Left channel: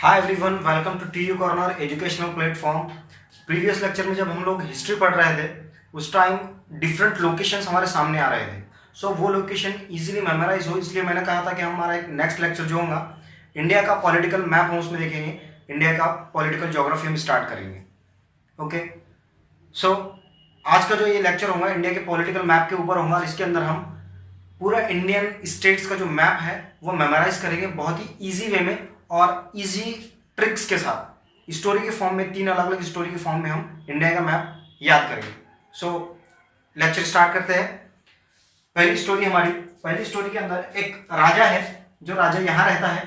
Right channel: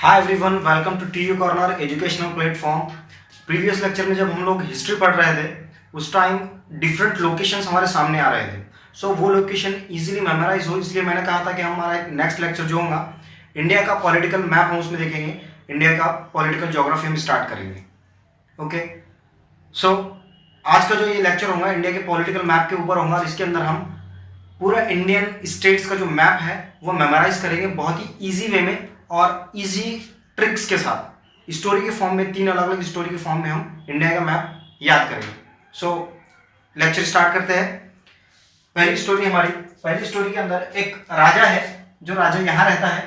Hi everyone, welcome to T U corner educational platform. Previous lecture में जब हम लोग हिस्ट्री पढ़ रहे थे उस टाइम डिफरेंट लोकेशंस हमारे सामने आ रहे थे। सो वो लोकेशन इजीली मेमोराइज हो, इसलिए मैंने कहा था कि हमारा एक नेक्स्ट लेक्चर जो होगा इंडिया का पॉलिटिकल मैप हम उसमें देखेंगे, इंडिया का पॉलिटिकल ज्योग्राफी हम स्टार्ट करेंगे। ओके, सो आज का जो ये लेक्चर होगा इंडिया के पॉलिटिकल मैप के ऊपर होगा और इसके अंदर हम पूरा इंडियन स्टेट्स का जो मैप है वो मेमोराइज करेंगे बहुत ही इजी वे में और इजी ट्रिक्स के साथ। स्टोरी के फॉर्म में, 3 अलग अलग स्टोरी के फॉर्म में हम इंडिया का मैप याद करेंगे। सो लेक्चर स्टार्ट करते हैं। पहली स्टोरी के अंदर एक राजा है, जो राजा यहाँ रहता है।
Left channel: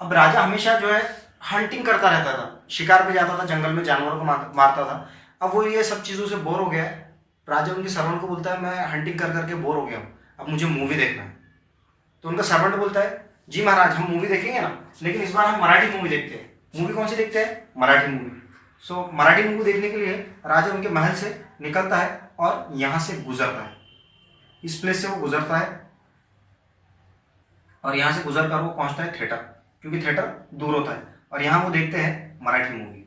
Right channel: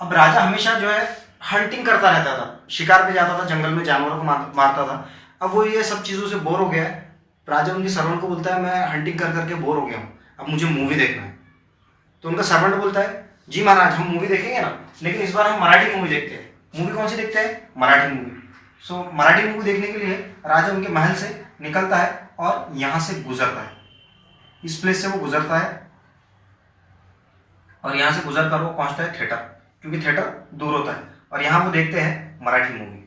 अब राजा हमेशा जो है हंटिंग करता रहता था, शिकार पे जाता था, जंगल में जानवरों को मारता था। अब वो ये सब चीज़ों से बोर हो गया है। राजा उनके सर्वेंट को बोलता है मैं हंटिंग कर करके बोर हो गया हूँ, अब मुझे मूवी देखना है। तो उनका सर्वेंट बोलता है जी महाराज, हम मूवी देखेंगे ना, लेकिन इस बार हम मराठी मूवी देखते हैं। मूवी कौन सी देखते हैं? मराठी मूवी। सो मराठी मूवी देखने के लिए राजा उनके महल से निकलता है और यहाँ से गुजरता है, इस प्लेस से वो गुजरता है और यहाँ से गुजर कर वो पहुंचता है थिएटर, क्योंकि थिएटर दूर होता है, और यहाँ वो देखते हैं मराठी मूवी।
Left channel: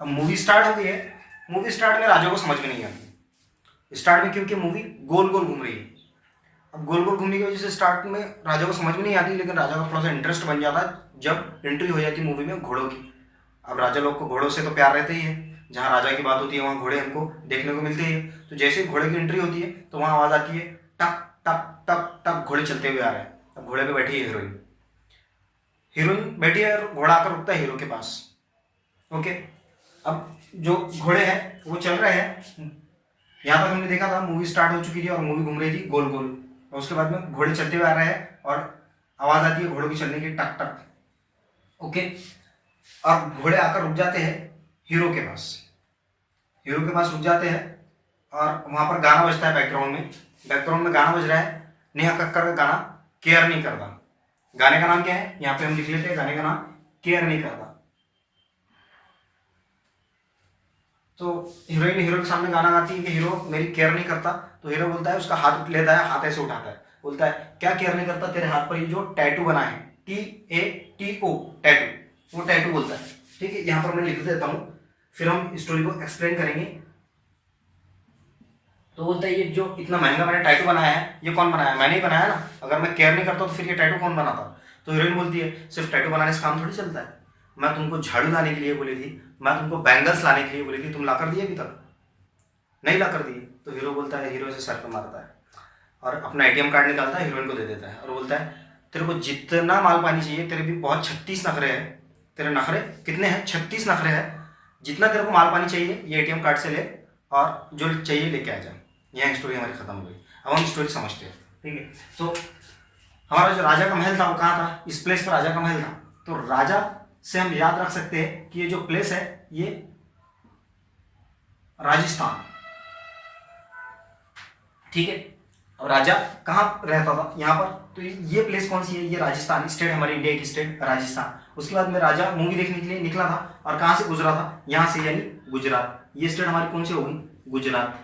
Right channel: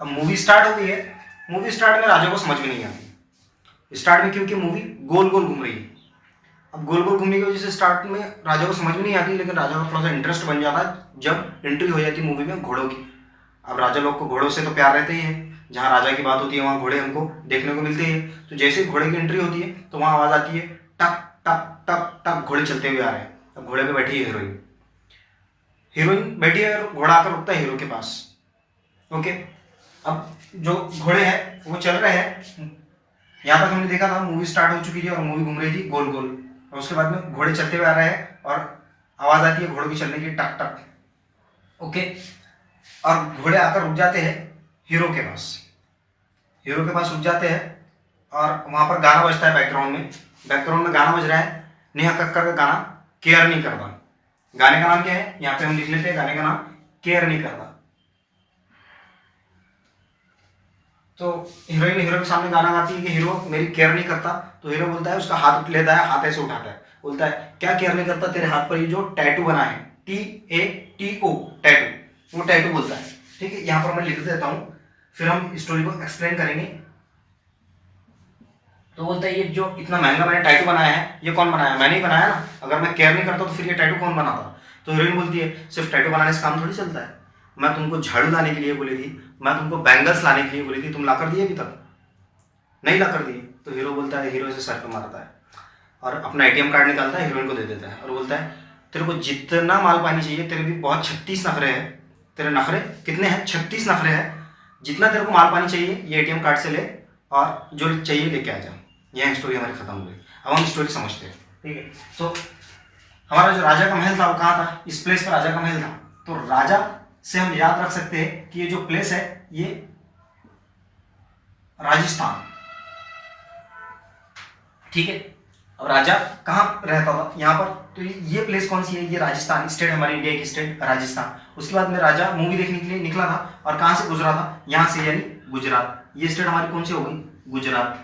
अब मूवी स्टार्ट हो गई है। मूवी स्टार्ट में राजा को समझ में नहीं आती स्टार्ट में, क्योंकि मूवी गोल गोल घूम रही है। अब गोल गोल घूमने की वजह से स्टार्ट में राजा को समझ में नहीं आती, लेकिन राजा का थोड़ा सा इंटरेस्ट बन जाता है जब एंट्री हो जाती है मूवी में घोड़ों की। अब राजा लोग को घोड़ों से तो प्यार रहते ही है, जहाँ राजा की बात होती है वहाँ घोड़े हमको देखने को मिलते हैं। तो जैसे ही घोड़े की एंट्री होती है तो वहाँ आवाज़ आती है टक टक टक टक, घोड़े चलते हुए आ रहे हैं। अब घोड़े पर बैठी है हीरोइन बैठी है और घोड़ा आकर रुकता है हीरो के पास। ओके, अब जो घोड़े हैं वो चल रहे हैं। यहाँ तक हमने देखा था मूवी स्टार्ट हो चुकी थी और मूवी घूम रही थी गोल गोल, और उसके बाद में घोड़े चलते हुए आ रहे हैं और आवाज आती है घोड़ों की चलने की, टक टक। ओके, और घोड़े आकर रुक जाते हैं हीरो के पास रुक जाते हैं और वहां पर गाना बजता है बैकग्राउंड में गाना बज रहा है, नेहा कक्कड़ का गाना केयर नहीं करता। गाने का नाम क्या है यहाँ पे हम लिख लेते हैं, गाने का नाम केयर नहीं करता। तो हीरोइन हीरो के सामने गाना गाती है कि हीरो मेरी केयर नहीं करता। तो हीरो बोलता है, उसका हाथ लेता है, हाथ ऐसे उठाता है, बोलता है क्या केयर नहीं करता, तेरे हाथ पर ये जो टैटू बना है TATO टैटू, वो टैटू बोलता है। ठीक है, यहाँ पर मैं लिख देता हूँ, फिर हम स्टोरी को एक्सप्लेन करेंगे। तो बोलता है ये जो इतना महंगा मैंने टैटू बनाया है ये कौन बनाया? मैंने ही बनाया ना, अगर मैं केयर नहीं करता तो फिर ये टैटू कौन बनाता? तो हीरोइन बोलती है सिर्फ टैटू बनाने से काम थोड़ी चलता है, मैं तुमको झाड़ू लाने के लिए बोली थी, मैं तुमको बैंगल्स लाने के लिए बोली थी, तुम ला कर दिए? अभी तक नहीं ला कर दिए। तो हीरो बोलता है, हीरो से सर पे मारता है और अपना ATM कार्ड निकालता है, हीरोइन को दे देता है और बोलता है तेरे को जितना माल पानी चाहिए, तेरे भी बहुत 36 नखरे हैं, तेरे नखरे कितने हैं? 36 नखरे हैं, जितना तेरे को माल पानी चाहिए ये ATM कार्ड से ले और जो चाहिए लेके आ जा। यह स्टोरी हमारी खत्म हो गई। अब हम स्टोरी समझते हैं। ठीक है, तो हमारा जो राजा का महल था वो कहाँ था? इस प्लेस पर राजा का महल था। तो राजा से हम याद रख सकते हैं कि ये जो प्लेस है ये राजस्थान। ठीक है, अब राजा कहाँ रहता था? यहाँ पर। तो ये प्लेस कौन सी है? ये राजस्थान स्टेट, हमारी इंडिया की स्टेट राजस्थान। उसके बाद में राजा मूवी देखने के लिए निकला था और कहाँ से गुजरा था? यहाँ से, यानी गुजरात। ये स्टेट हमारी कौन सी हो गई? गुजरात।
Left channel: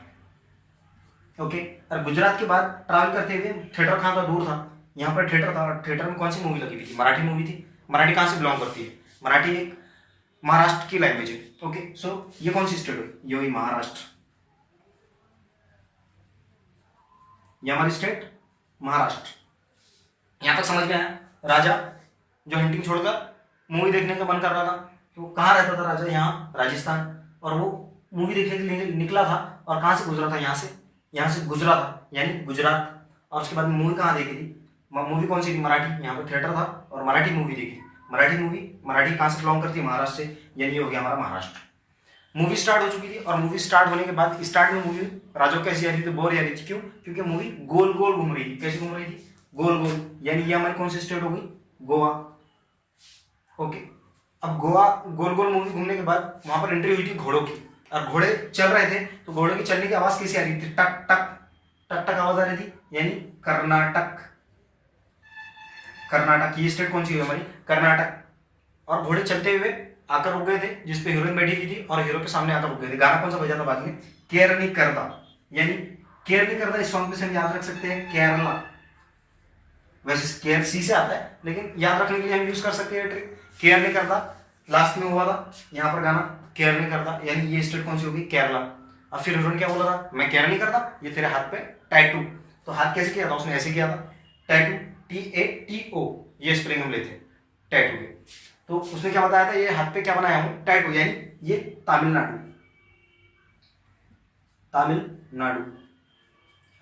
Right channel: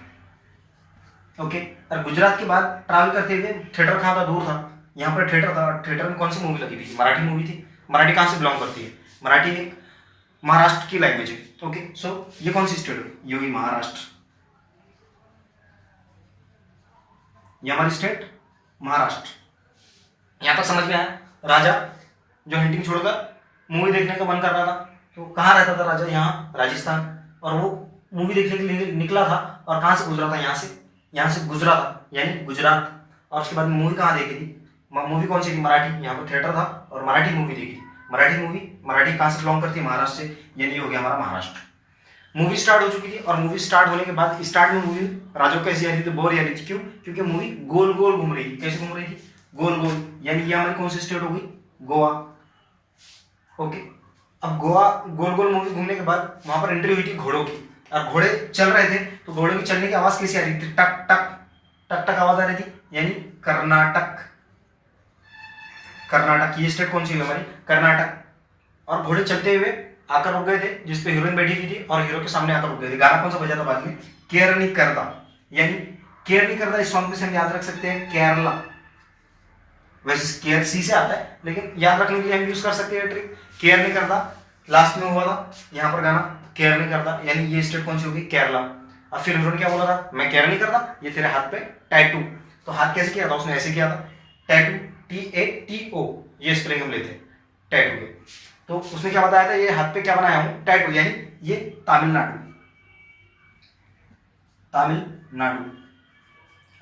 ओके, और गुजरात के बाद ट्रैवल करते हुए थिएटर कहाँ था? दूर था। यहाँ पर थिएटर था, थिएटर में कौन सी मूवी लगी थी? मराठी मूवी थी। मराठी कहाँ से बिलोंग करती है? मराठी एक महाराष्ट्र की लैंग्वेज है। ओके, सो ये कौन सी स्टेट है? ये हुई महाराष्ट्र। ये हमारी स्टेट महाराष्ट्र। यहाँ तक समझ में आया? राजा जो हंटिंग छोड़कर मूवी देखने का मन कर रहा था, तो कहाँ रहता था राजा? यहाँ राजस्थान। और वो मूवी देखने के लिए निकला था और कहाँ से गुजरा था? यहाँ से गुजरा था, यानी गुजरात। और उसके बाद मूवी कहाँ देखी थी? मूवी कौन सी थी? मराठी। यहाँ पर थिएटर था और मराठी मूवी देखी। मराठी कहाँ से बिलोंग करती है? महाराष्ट्र से, यानी हो गया हमारा महाराष्ट्र। मूवी स्टार्ट हो चुकी थी और मूवी स्टार्ट होने के बाद स्टार्ट में मूवी राजा को कैसी आ रही थी? बोर आ रही थी। क्यों? क्योंकि मूवी गोल गोल घूम रही थी। कैसे घूम रही थी? गोल गोल, यानी ये हमारी कौन सी स्टेट हो गई? गोवा। ओके, अब गोवा गोल गोल मूवी घूमने के बाद वहां पर एंट्री हुई थी घोड़ों की, और घोड़े चल रहे थे। तो घोड़ों की चलने की आवाज कैसी आ रही थी? टक टक टक टक आवाज आ रही थी, यानी कर्नाटक। ये स्टेट कौन सी है हमारी? कर्नाटक। और घोड़े चलते हुए आकर रुक गए थे, जिसपे हीरोइन बैठी हुई थी और हीरो के सामने आकर रुक गए थे। गाना कौन सा बजा था बाद में? केयर नहीं करता, यानी केयर नहीं करता। इस सॉन्ग पे से हम याद रख सकते हैं केरला। वैसे केयर सी से आता है, लेकिन याद रखने के लिए हम यूज कर सकते हैं ट्रिक। केयर नहीं करता, लास्ट में हुआ था यहाँ पर गाना केयर नहीं करता, यानी ये स्टेट कौन सी होगी, केरला। अब फिर हीरो ने क्या बोला था, मैं केयर नहीं करता, ये तेरे हाथ पे टैटू। तो हाथ कैसे किया था उसने, ऐसे किया था टैटू, TATO, ये स्पेलिंग हम लेते टैटू के। तो उसने क्या बताया था, ये हाथ पे क्या बनाया हूं, टैटू, यानी ये तमिलनाडु, तमिलनाडु।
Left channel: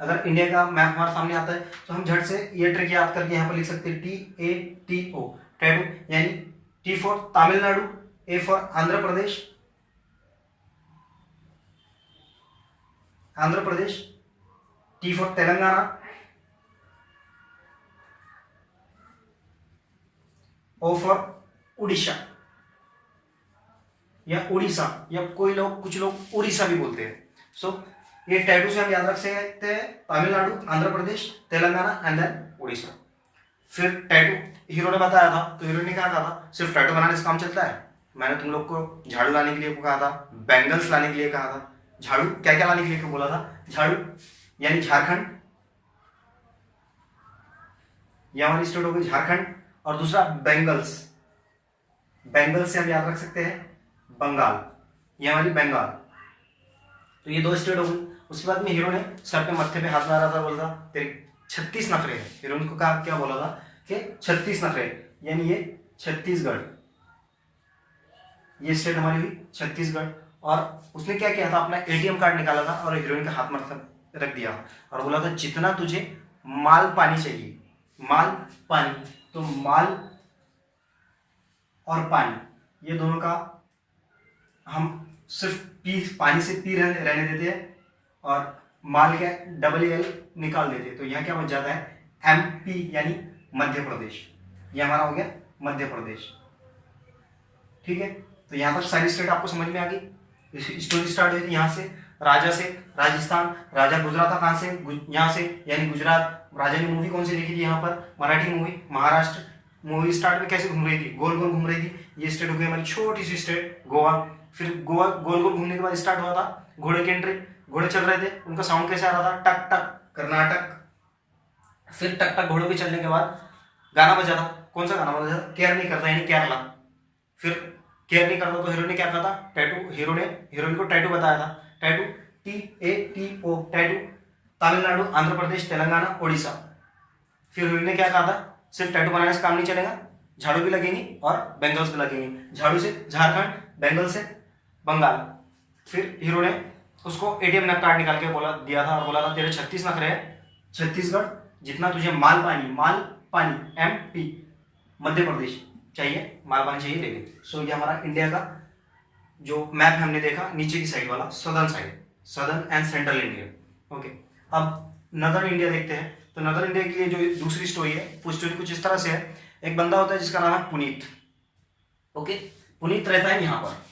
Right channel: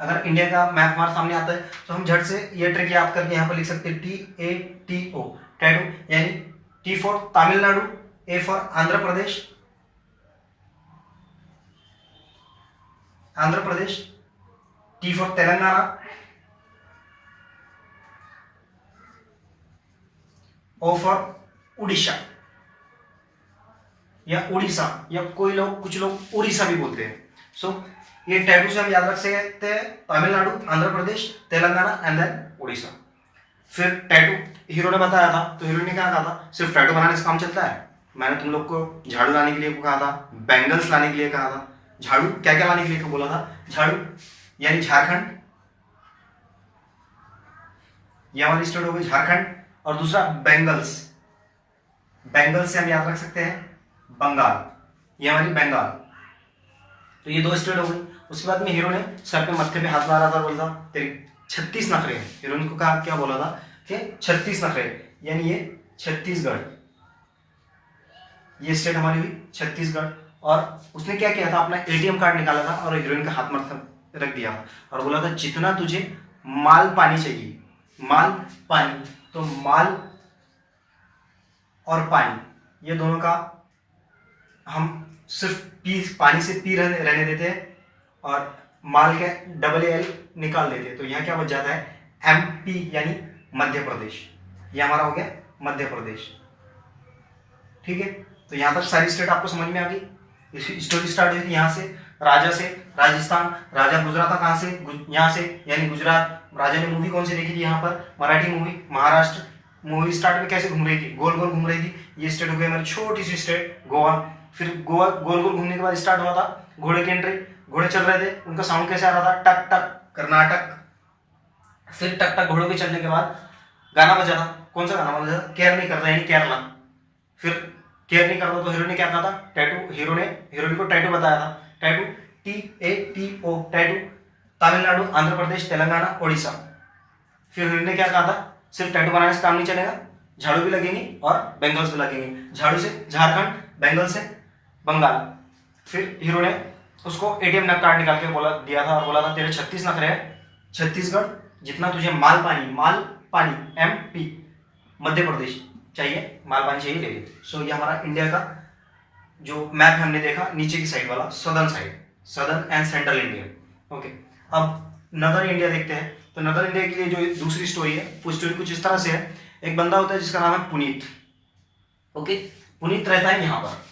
अगर इंडिया का मैप हमारे सामने आता है तो हम झट से ये ट्रिक याद करके यहाँ पर लिख सकते हैं TATO, टैटू, यानी T for Tamil Nadu, A for Andhra Pradesh, Andhra Pradesh, T for Telangana, O for Orissa या उड़ीसा, या कोई लोग, कुछ लोग उड़ीसा भी बोलते हैं। सो ये टैटू से हम याद रख सकते हैं तमिलनाडु, आंध्र प्रदेश, तेलंगाना एंड देन उड़ीसा। फिर टैटू हीरो ने बताया था, तो हीरो ने क्या कहा था, सिर्फ टैटू बनाने से काम चलता है। मैंने तुम लोग को झाड़ू लाने के लिए कहा था, बैंगल्स लाने के लिए कहा था। झाड़ू क्या क्या लाने के लिए बोला था, झाड़ू यानी झारखंड, यह हमारी स्टेट हो गई झारखंड, और दूसरा बैंगल्स, बैंगल्स से हम याद रख सकते हैं बंगाल, ये हमारी बंगाल। तो ये दो स्टेट हो गई। उसके बाद में हीरो ने सर पे मत्थे पे हाथ मारा था, बोला था तेरे 36 नखरे हैं। हीरोइन को कहा, क्या बोला था कि 36 नखरे, यानी ये छत्तीसगढ़, ये स्टेट हमारी हुई छत्तीसगढ़। और उसने क्या किया था, अपना ATM कार्ड निकाला था और हीरोइन का हाथ मत्थे रख दिया और बोला था जितना तुझे माल पानी चाहिए, माल पानी, तो माल और पानी ये दोनों का हम सिर्फ पी, पानी से पी रहने देते हैं और माल के AA निकाल देते हैं। तो यहाँ क्या बच जाता है, MP, यानी मध्य प्रदेश। ये हमारा हो गया मध्य प्रदेश। ठीक है, तो यहाँ तक सारी स्टेट आपको समझ में आ गई। स्टोरी स्टार्ट हुई थी यहाँ से, राजा से, राजस्थान, राजा गुजरा था कहाँ से, यहाँ से, यानी गुजरात। राजा ने मूवी कौन सी देखी थी यहाँ पर, Marathi movie, Maharashtra. Movie start में कैसे घूम रही थी, गोल गोल घूम रही थी। ये स्टेट हो गई हमारी छोटी सी स्टेट गोवा। फिर गोवा गोल गोल घूमने के बाद स्टार्ट हुआ था घोड़े की एंट्री, घोड़े चल रहे थे, उनका साउंड कैसे आ रहा था, टक टक, कर्नाटक। फिर टक टक घोड़ों के चलने के बाद गाना बजा था, कौन सा गाना बजा था, केयर नहीं करता, यानी केरला। फिर केयर नहीं करता तो हीरो ने क्या कहा था, टैटू, हीरो ने हीरोइन को टैटू बताया था, tattoo, TATO, tattoo, Tamil Nadu, Andhra Pradesh, Telangana, Orissa. फिर हीरो ने क्या कहा था, सिर्फ टैटू बनाने से काम नहीं चलेगा, झाड़ू भी लगेंगी और बैंगल्स भी लगेंगे। झाड़ू से झारखंड, बैंगल से बंगाल। फिर हीरो ने उसको ATM कार्ड निकाल के बोला दिया था और बोला था तेरे 36 नखरे हैं, छत्तीसगढ़, जितना तुझे माल पानी MP, मध्य प्रदेश चाहिए, माल पानी चाहिए, ले ले। सो ये हमारा इंडिया का जो मैप हमने देखा, नीचे की साइड वाला, southern side, southern and central India. Okay, अब नदर्न इंडिया देखते हैं। तो नदर्न इंडिया के लिए जो दूसरी स्टोरी है, वो स्टोरी कुछ इस तरह से है। एक बंदा होता है जिसका नाम है पुनीत। ओके, पुनीत रहता है यहाँ पर,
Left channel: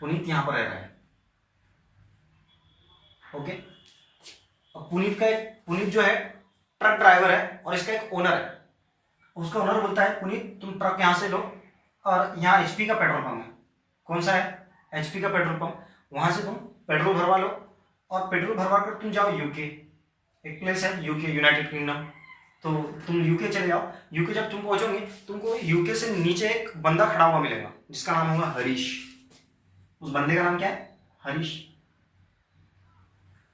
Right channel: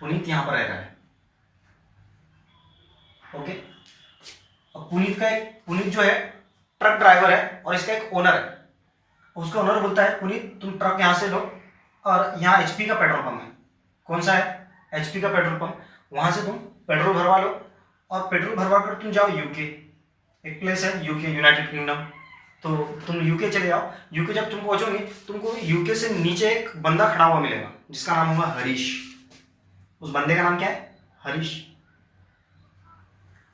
पुनीत यहाँ पर रह रहा है। ओके, अब पुनीत जो है ट्रक ड्राइवर है और इसका एक ओनर है। उसका ओनर बोलता है पुनीत तुम ट्रक यहाँ से लो और यहाँ HP का पेट्रोल पंप है। कौन सा है, HP का पेट्रोल पंप। वहां से तुम पेट्रोल भरवा लो और पेट्रोल भरवा कर तुम जाओ UK, एक प्लेस है UK, यूनाइटेड किंगडम। तो तुम UK चले जाओ। UK जब तुम पहुंचोगे, तुमको UK से नीचे एक बंदा खड़ा हुआ मिलेगा जिसका नाम होगा हरीश। उस बंदे का नाम क्या है, हरीश।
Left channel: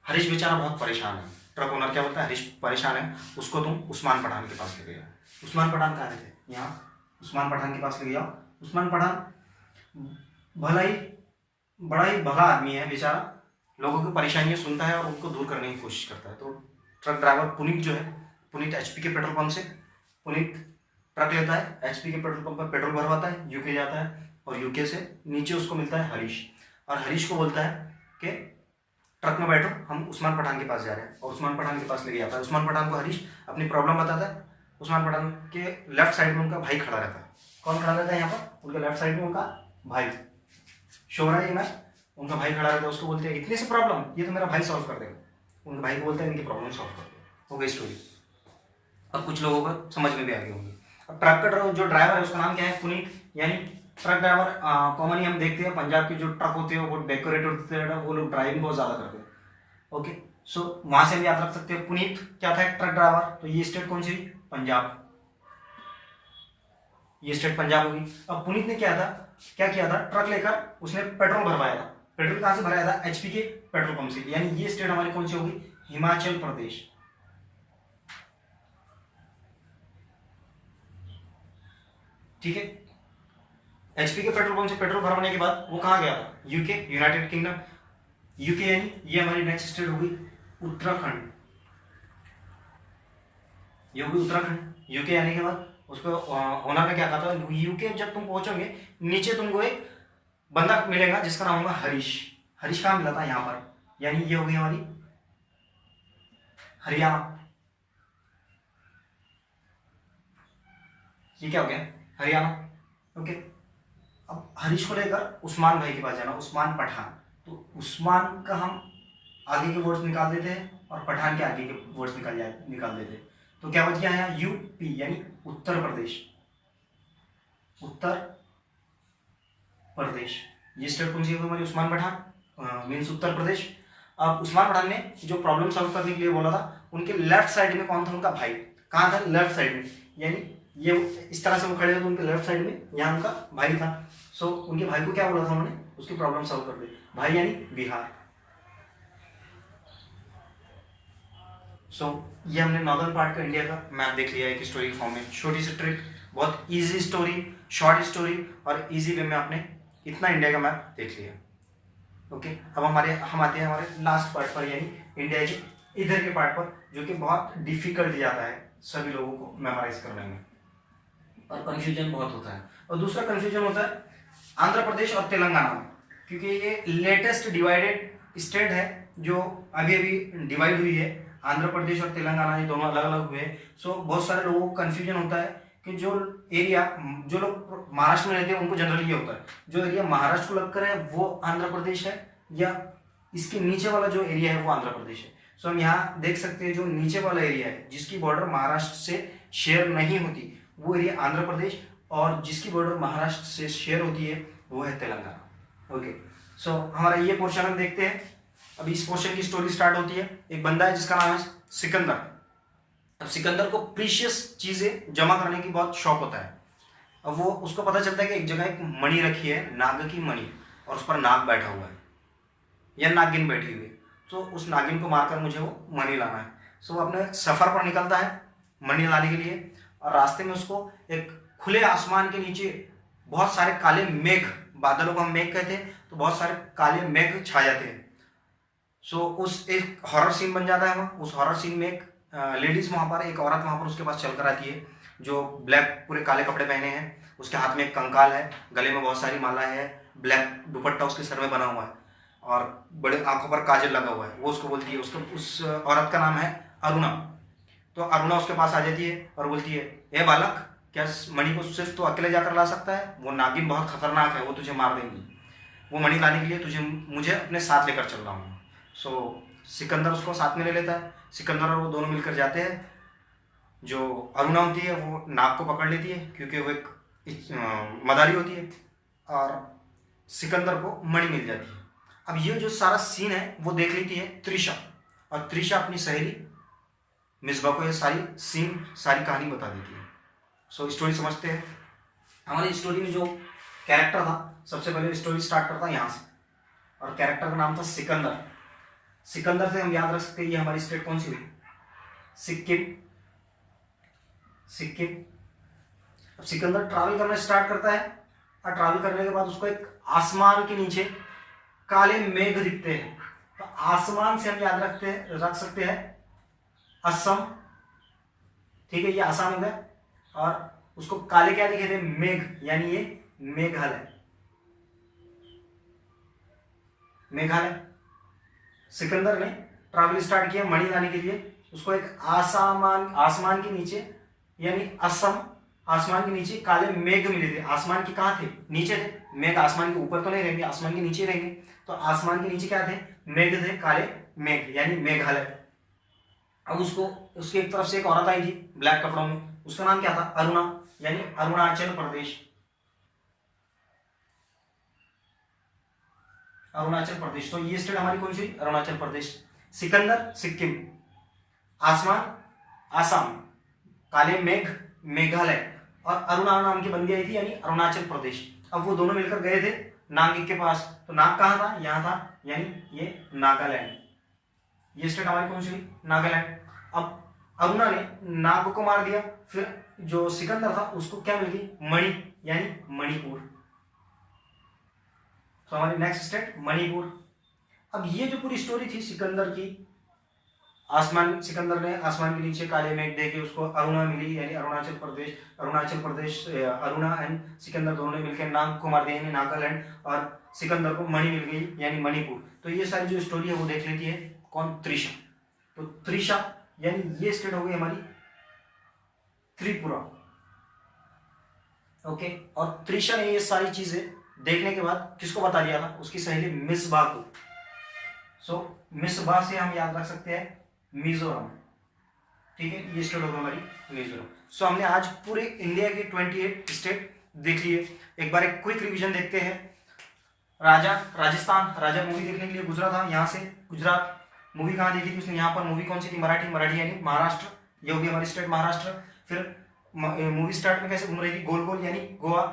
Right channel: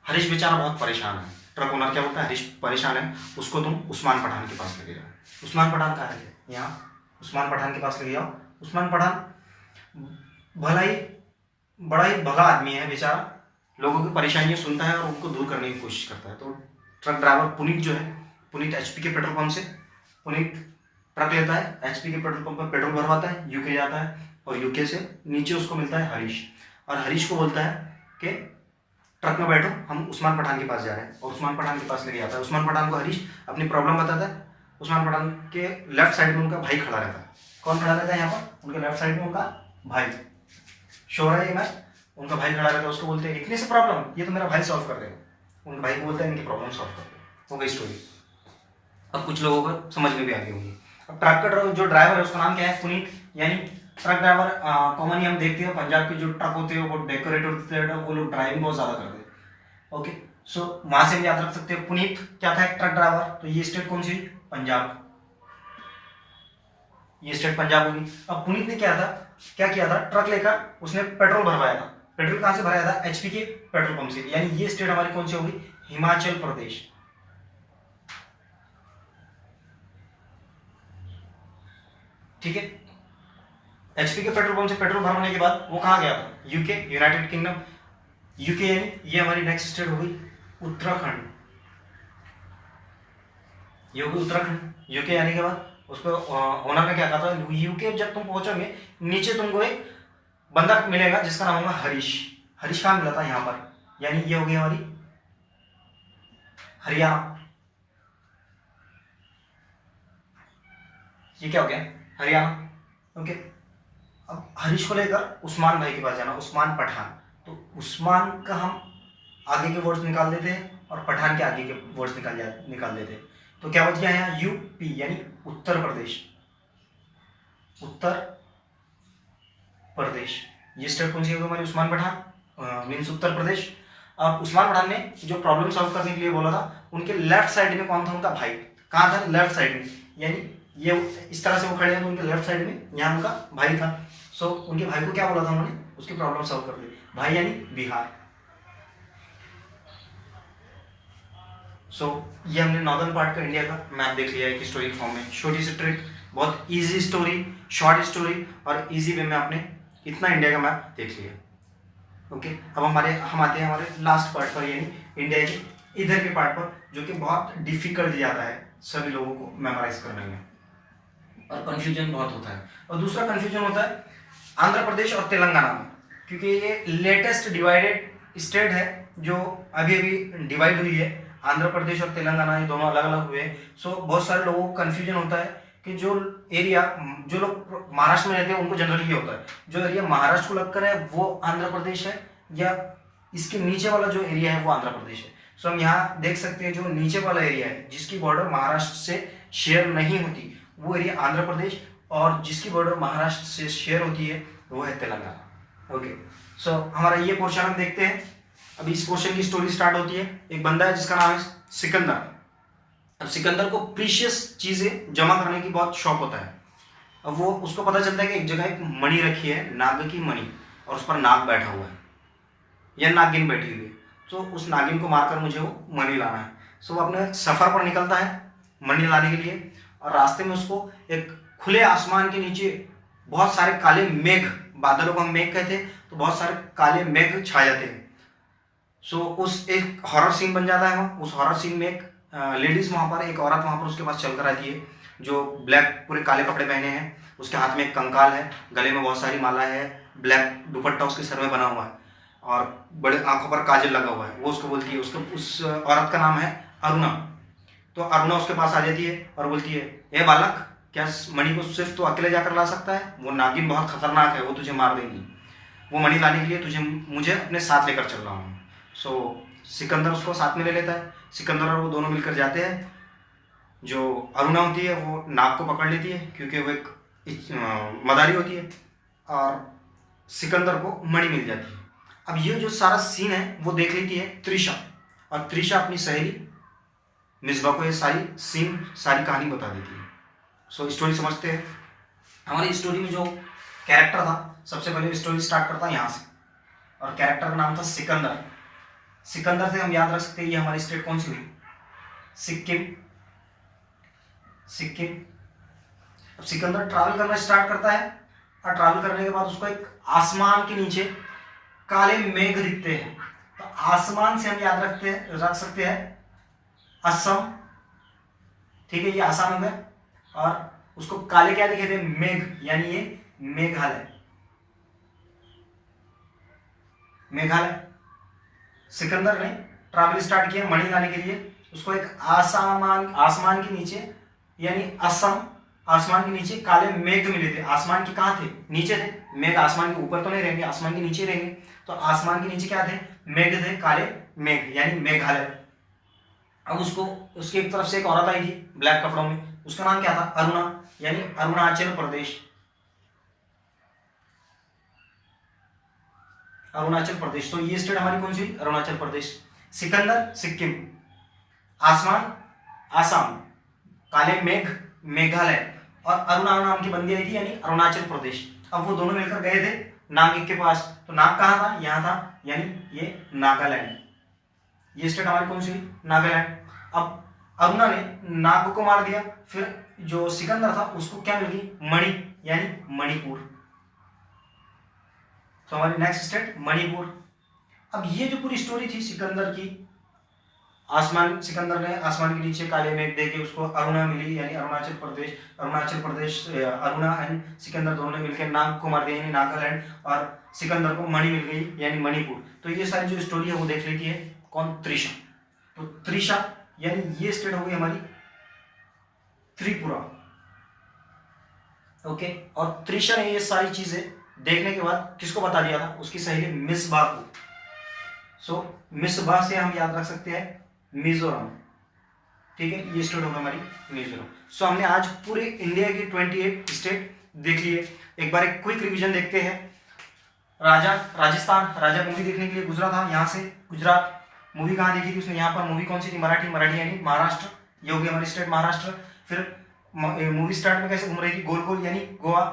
हरीश बेचारा बहुत परेशान है। ट्रक ओनर क्या बोलता है, हरीश परेशान है, उसको तुम उस्मान पठान के पास लेके जाओ। उस्मान पठान कहाँ रहते, यहाँ उस्मान पठान के पास लेके जाओ। उस्मान पठान बड़ा ही भला आदमी है बेचारा, लोगों की परेशानियां सुनता है और उनको दूर करने की कोशिश करता है। तो ट्रक ड्राइवर पुनीत जो है, पुनीत HP के पेट्रोल पंप से पुनीत ट्रक लेता है, HP के पेट्रोल पंप पर पेट्रोल भरवाता है, UK जाता है और UK से नीचे उसको मिलता है हरीश। और हरीश को बोलता है कि ट्रक में बैठो, हम उस्मान पठान के पास जा रहे हैं, और उस्मान पठान के पास लेके जाता है। उस्मान पठान को हरीश अपनी प्रॉब्लम बताता है। उस्मान पठान के लेफ्ट साइड में उनका भाई खड़ा रहता है। कौन खड़ा रहता है यहाँ पर, उनके लेफ्ट साइड में उनका भाई, शोरा है मैं, उनका भाई खड़ा रहता है। उसको बोलते हैं इतनी सी प्रॉब्लम, ये तो मेरा भाई सॉल्व कर देगा। उनके भाई को बोलते हैं इनकी प्रॉब्लम सॉल्व कर दो। हो गई स्टोरी। अब कुछ लोगों को समझ में भी आ गई होंगी। अब ट्रक का जो ड्राइवर है उसका नाम क्या है, पुनीत, यानी ट्रक ड्राइवर। कॉमनली हम देखते हैं पंजाब के जो ट्रक होते हैं वो डेकोरेट होते हैं, वो लोग ड्राइविंग बहुत ज़्यादा करते हैं। ओके, सो वहां से हम याद रख सकते हैं। पुनीत क्या था, ट्रक ड्राइवर, तो ये स्टेट कौन सी, पंजाब, ये स्टेट पंजाब होगी। अब पुनीत ने क्या किया था, ट्रक लेकर उसने पेट्रोल भरवाया था। पेट्रोल कहां से भराया था, एचपी के पेट्रोल पंप से, यानी ये स्टेट हमारी कौन सी होगी, हिमाचल प्रदेश। ठीक है, एचपी के पेट्रोल पंप से पेट्रोल भरवाने के बाद वो कहां गया था, यूके, यूनाइटेड किंगडम। यूके यानी ये हमारी नेक्स्ट स्टेट हो गई उत्तराखंड, ये होगी उत्तराखंड। यूके आने के बाद उसको ओनर ने क्या कहा था, यूके जब तुम पहुंचोगे नीचे तुमको एक बंदा मिलेगा जिसका नाम होगा हरीश। हरीश कहाँ मिला था, यहां पर, यानी ये हो गई हमारी हरियाणा। ये क्या हो गया, हरियाणा। ओके, अब हरीश को लेकर उस्मान भाई के पास जाना, उस्मान पठान। तो उस्मान का हम आगे के वर्ड्स निकाल देते हैं और पठान के आगे के वर्ड्स निकाल देते हैं। तो क्या बच गया यहाँ, यूपी यानी उत्तर प्रदेश, उत्तर प्रदेश। ये स्टेट कौन सी है हमारी, उस्मान पठान मीन्स उत्तर प्रदेश। अब उस्मान पठान ने जो प्रॉब्लम सॉल्व करने के लिए बोला था, उनके लेफ्ट साइड में कौन था, उनका भाई। कहाँ था, लेफ्ट साइड में, यानी ये इस तरह से वो खड़े हैं तो उनके लेफ्ट साइड में यहाँ उनका भाई था। सो उनके भाई को क्या बोला था उन्होंने, उसकी प्रॉब्लम सॉल्व कर दी। भाई यानी बिहार। सो ये हमने नॉर्दर्न पार्ट का इंडिया का मैप देख लिया एक स्टोरी के फॉर्म में। छोटी सी ट्रिक, बहुत इजी स्टोरी, शॉर्ट स्टोरी और इजी वे में आपने इतना इंडिया का मैप देख लिया। ओके, अब हम आते हैं हमारे लास्ट पार्ट पर, यानी इंडिया के इधर के पार्ट पर, जो कि बहुत डिफिकल्ट जाता है सभी लोगों को मेमोराइज करने में और कंफ्यूजन बहुत होता है। और दूसरा कंफ्यूजन होता है आंध्र प्रदेश और तेलंगाना में, क्योंकि ये लेटेस्ट डिवाइडेड स्टेट है जो अभी अभी डिवाइड हुई है। आंध्र प्रदेश और तेलंगाना ये दोनों अलग अलग हुए हैं। सो बहुत सारे लोगों को कंफ्यूजन होता है कि जो एरिया, जो लोग महाराष्ट्र में रहते हैं उनको जनरली ये होता है, जो एरिया महाराष्ट्र को लगकर है वो आंध्र प्रदेश है, या इसके नीचे वाला जो एरिया है वो आंध्र प्रदेश है। सो हम यहाँ देख सकते हैं जो नीचे वाला एरिया है जिसकी बॉर्डर महाराष्ट्र से शेयर नहीं होती वो एरिया आंध्र प्रदेश, और जिसकी बॉर्डर महाराष्ट्र से शेयर होती है वो है तेलंगाना। ओके, सो हमारा ये पोर्शन हम देखते हैं। अभी इस पोर्शन की स्टोरी स्टार्ट होती है। एक बंदा है जिसका नाम है सिकंदर। अब सिकंदर को प्रीशियस चीजें जमा करने की बहुत शौक होता है। अब वो उसको पता चलता है कि एक जगह एक मणि रखी है, नाग की मणि, और उस पर नाग बैठा हुआ है या नागिन बैठी हुई है। तो उस नागिन को मारकर मुझे वो मणि लाना है। सो वो अपने सफर पर निकलता है मणि लाने के लिए, और रास्ते में उसको एक खुले आसमान के नीचे बहुत सारे काले मेघ, बादलों को हम मेघ कहते हैं, तो बहुत सारे काले मेघ छा जाते हैं। सो उस एक हॉरर सीन बन जाता है वहाँ। उस हॉरर सीन में एक लेडीज वहाँ पर, एक औरत वहाँ पर उसके पास चल कर आती है जो ब्लैक पूरे काले कपड़े पहने हैं, उसके हाथ में एक कंकाल है, गले में बहुत सारी माला है, ब्लैक दुपट्टा उसके सर में बना हुआ है और बड़े आंखों पर काजल लगा हुआ है। वो उसको बोलती है, उस औरत का नाम है अरुणा। तो अरुणा उसके पास आ जाती है और बोलती है, ए बालक, क्या मणि को सिर्फ तो अकेले जाकर ला सकता है, वो नागिन बहुत खतरनाक है, वो तुझे मार देंगी, वो मणि लाने के लिए मुझे अपने साथ लेकर चल रहा हूँ। सो सिकंदर उसको साथ में ले लेता है। सिकंदर और वो दोनों मिलकर जाते हैं। जो अरुणा होती है वो नाग को पकड़ लेती है क्योंकि वो एक मदारी होती है, और सिकंदर को मणि मिल जाती है। अब ये जो सारा सीन है वो देख लेती है त्रिशा, और त्रिशा अपनी सहेली मिसबा को ये सारी कहानी बता देती है। सो स्टोरी समझते हैं। हमारी स्टोरी में जो कैरेक्टर था, सबसे पहले स्टोरी स्टार्ट करता है यहाँ से, और कैरेक्टर का नाम था सिकंदर। सिकंदर से हम याद रख सकते हैं ये हमारी स्टेट कौन सी हुई, सिक्किम। अब सिकंदर ट्रैवल करना स्टार्ट करता है, और ट्रैवल करने के बाद उसको एक आसमान के नीचे काले मेघ दिखते हैं। तो आसमान से हम याद रख सकते हैं असम। ठीक है, ये आसाम हो गया, और उसको काले क्या दिखे थे, मेघ, यानी ये मेघालय। सिकंदर ने ट्रैवल स्टार्ट किया मणि लाने के लिए। उसको एक आसमान के नीचे, यानी असम, आसमान के नीचे काले मेघ मिले थे। आसमान के कहाँ थे, नीचे थे। मेघ आसमान के ऊपर तो नहीं रहेंगे, आसमान के नीचे रहेंगे। तो आसमान के नीचे क्या थे, मेघ थे, काले मेघ, यानी मेघालय। अब उसकी एक तरफ से एक औरत आई थी ब्लैक कपड़ों में, उसका नाम क्या था, अरुणा, यानी अरुणाचल प्रदेश। तो ये स्टेट हमारी कौन सी, अरुणाचल प्रदेश। सिकंदर सिक्किम, आसमान आसाम, काले मेघ मेघालय, और अरुणा नाम की बंदी आई थी यानी अरुणाचल प्रदेश। अब वो दोनों मिलकर गए थे नाग के पास, तो नाग कहाँ था, यहाँ था, यानी ये नागालैंड। ये स्टेट हमारी कौन सी हुई, नागालैंड। अब अरुणा ने नाग को मार दिया, फिर जो सिकंदर था उसको क्या मिल गई, मणि, यानी मणिपुर। तो हमारी नेक्स्ट स्टेट मणिपुर। अब ये जो पूरी स्टोरी थी सिकंदर की, सिकंदर ने आसमान के नीचे काले मेघ देखे, उसको अरुणा मिली यानी अरुणाचल प्रदेश अरुणा एंड सिकंदर दोनों ने मिलकर नाग को मार दिया यानी नागालैंड, और सिकंदर को मणि मिल गई यानी मणिपुर। तो ये सारी जो स्टोरी है वो देख लेती है कौन, त्रिशा। तो त्रिशा यानी ये स्टेट हो गई हमारी त्रिपुरा। ओके, और त्रिशा ने ये सारी चीजें देखने के बाद किसको बता दिया था, उसकी सहेली मिसबा को। सो मिसबा से हम याद रख सकते हैं मिजोरम। ठीक है, ये स्टेट होगा हमारी मिजोरम। सो हमने आज पूरे इंडिया के 28 स्टेट देख लिए। एक बार एक क्विक रिवीजन देखते हैं। राजस्थान, राजा मूवी देखने के लिए गुजरा था यहाँ से, गुजरात। मूवी कहाँ देखी थी उसने, यहाँ पर। मूवी कौन सी थी, मराठी यानी महाराष्ट्र। ये हो गई हमारी स्टेट महाराष्ट्र। फिर मूवी स्टार्ट में कैसे घूम रही थी, गोल गोल यानी गोवा।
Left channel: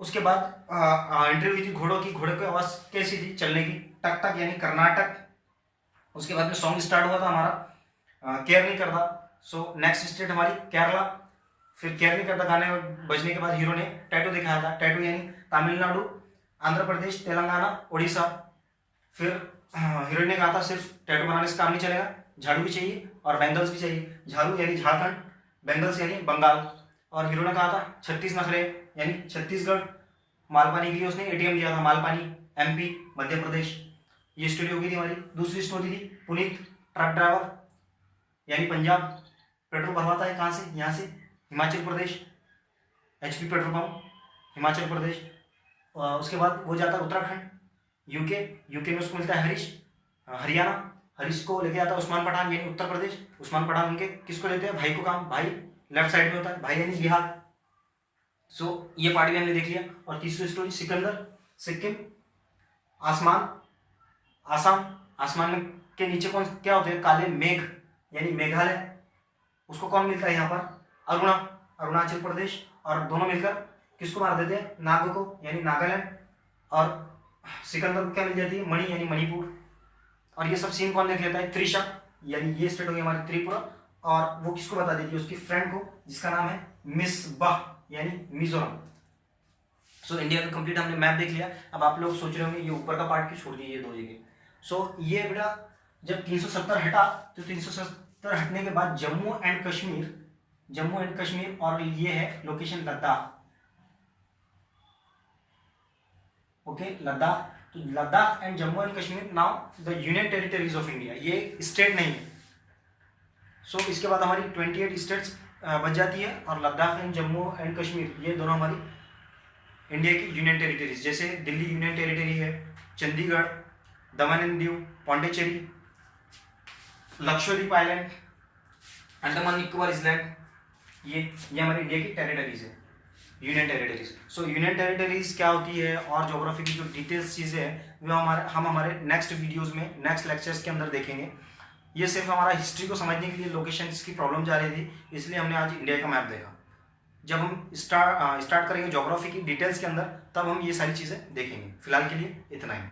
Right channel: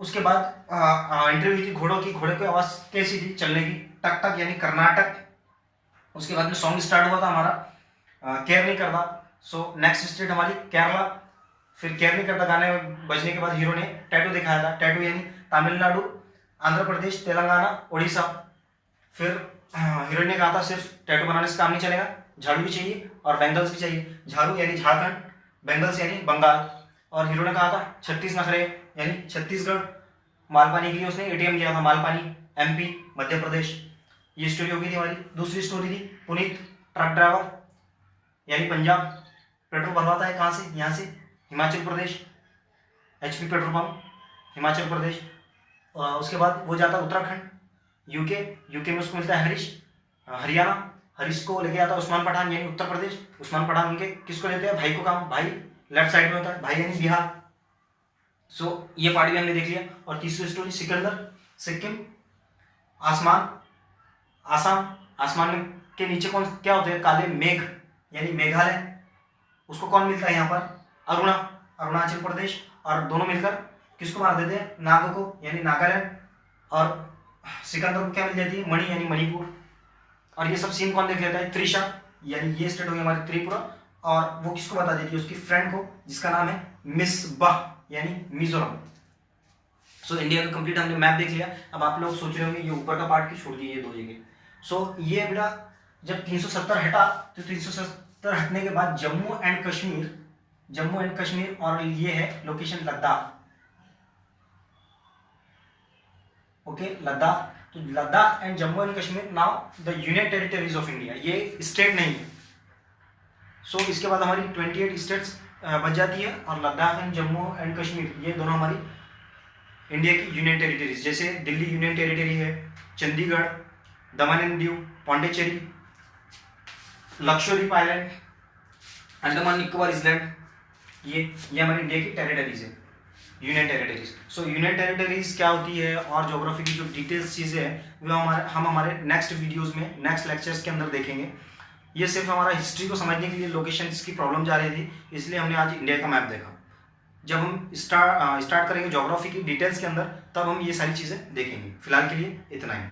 उसके बाद इंटरव्यू हुई थी घोड़ों की, घोड़े की आवाज कैसी थी चलने की, टक टक यानी कर्नाटक। उसके बाद में सॉन्ग स्टार्ट हुआ था हमारा केयर नहीं करता। सो नेक्स्ट स्टेट हमारी केरला। फिर केयर नहीं करता गाने बजने के बाद हीरो ने टैटू दिखाया था, टैटू यानी तमिलनाडु, आंध्र प्रदेश, तेलंगाना, उड़ीसा। फिर हीरोइन ने कहा था सिर्फ टैटू बनाने से काम नहीं चलेगा, झाड़ू भी चाहिए और बैंगल्स भी चाहिए। झाड़ू यानी झारखंड, बैंगल्स यानी बंगाल। और हीरो ने कहा था 36 नखरे यानी छत्तीसगढ़। मालपानी के लिए उसने एटीएम दिया था, मालपानी एमपी मध्य प्रदेश। ये स्टोरी हो गई थी हमारी। दूसरी स्टोरी थी पुनीत ट्रक ड्राइवर यानी पंजाब, पेट्रोल भरवाता है कहाँ से, यहाँ से Himachal Pradesh, HP petrol pump Himachal Pradesh. उसके बाद वो जाता है उत्तराखंड, यूके में उसको मिलता है हरीश, हरियाणा। हरीश को लेके आता है उस्मान पठान यानी उत्तर प्रदेश। उस्मान पठान मिलके किसको लेते हैं, भाई को काम, भाई लेफ्ट साइड में होता है, भाई यानी बिहार। सो ये पार्ट भी हमने देख लिया। और तीसरी स्टोरी सिकंदर सिक्किम, आसमान आसाम, आसमान के नीचे कौन क्या होते हैं, काले मेघ यानी मेघालय। उसको कौन मिलता है यहाँ पर, अरुणाचल प्रदेश। और दोनों मिलकर किसको मार देते हैं, नाग को यानी नागालैंड। और सिकंदर को क्या मिल जाती है, मणि यानी मणिपुर। और ये सब सीन कौन देख लेता है, त्रिशा, यानी ये स्टेट हो गई हमारी त्रिपुरा। और वो किसको बता देती है, उसकी फ्रेंड को, जिसका नाम है मिसबा यानी मिजोरम। सो इंडिया का कंप्लीट हमने मैप देख लिया। अब आप लोग सोच रहे होंगे ये ऊपर का पार्ट क्यों छोड़ दिए, ये दो जगह। सो ये बेटा जब 370 हटा, तो 370 हटने के बाद जम्मू एंड कश्मीर और ये है लोकेशन लद्दाख। ओके, लद्दाख। तो Ladakh and Jammu and Kashmir now the union territories of India, ये स्टेट नहीं है। सो इसके बाद हमारी 28 स्टेट्स बच जाती है, और लद्दाख एंड जम्मू एंड कश्मीर ये दोनों हमारी इंडिया की यूनियन टेरिटरीज। जैसे दिल्ली यूनियन टेरिटरी है, चंडीगढ़, दमन and Diu, Pondicherry, Lakshadweep island, Andaman Nicobar island, ये हमारी इंडिया की टेरिटरीज है, यूनियन टेरिटरीज। सो यूनियन टेरिटरीज क्या होती है और ज्योग्राफी की जो डिटेल्स चीज़ें हैं वो हम हमारे नेक्स्ट वीडियोस में, नेक्स्ट लेक्चर्स के अंदर देखेंगे। ये सिर्फ हमारा हिस्ट्री को समझने के लिए लोकेशन की प्रॉब्लम जा रही थी, इसलिए हमने आज इंडिया का मैप देखा। जब हम स्टार्ट करेंगे ज्योग्राफी की डिटेल्स के अंदर, तब हम ये सारी चीज़ें देखेंगे। फिलहाल के लिए इतना ही।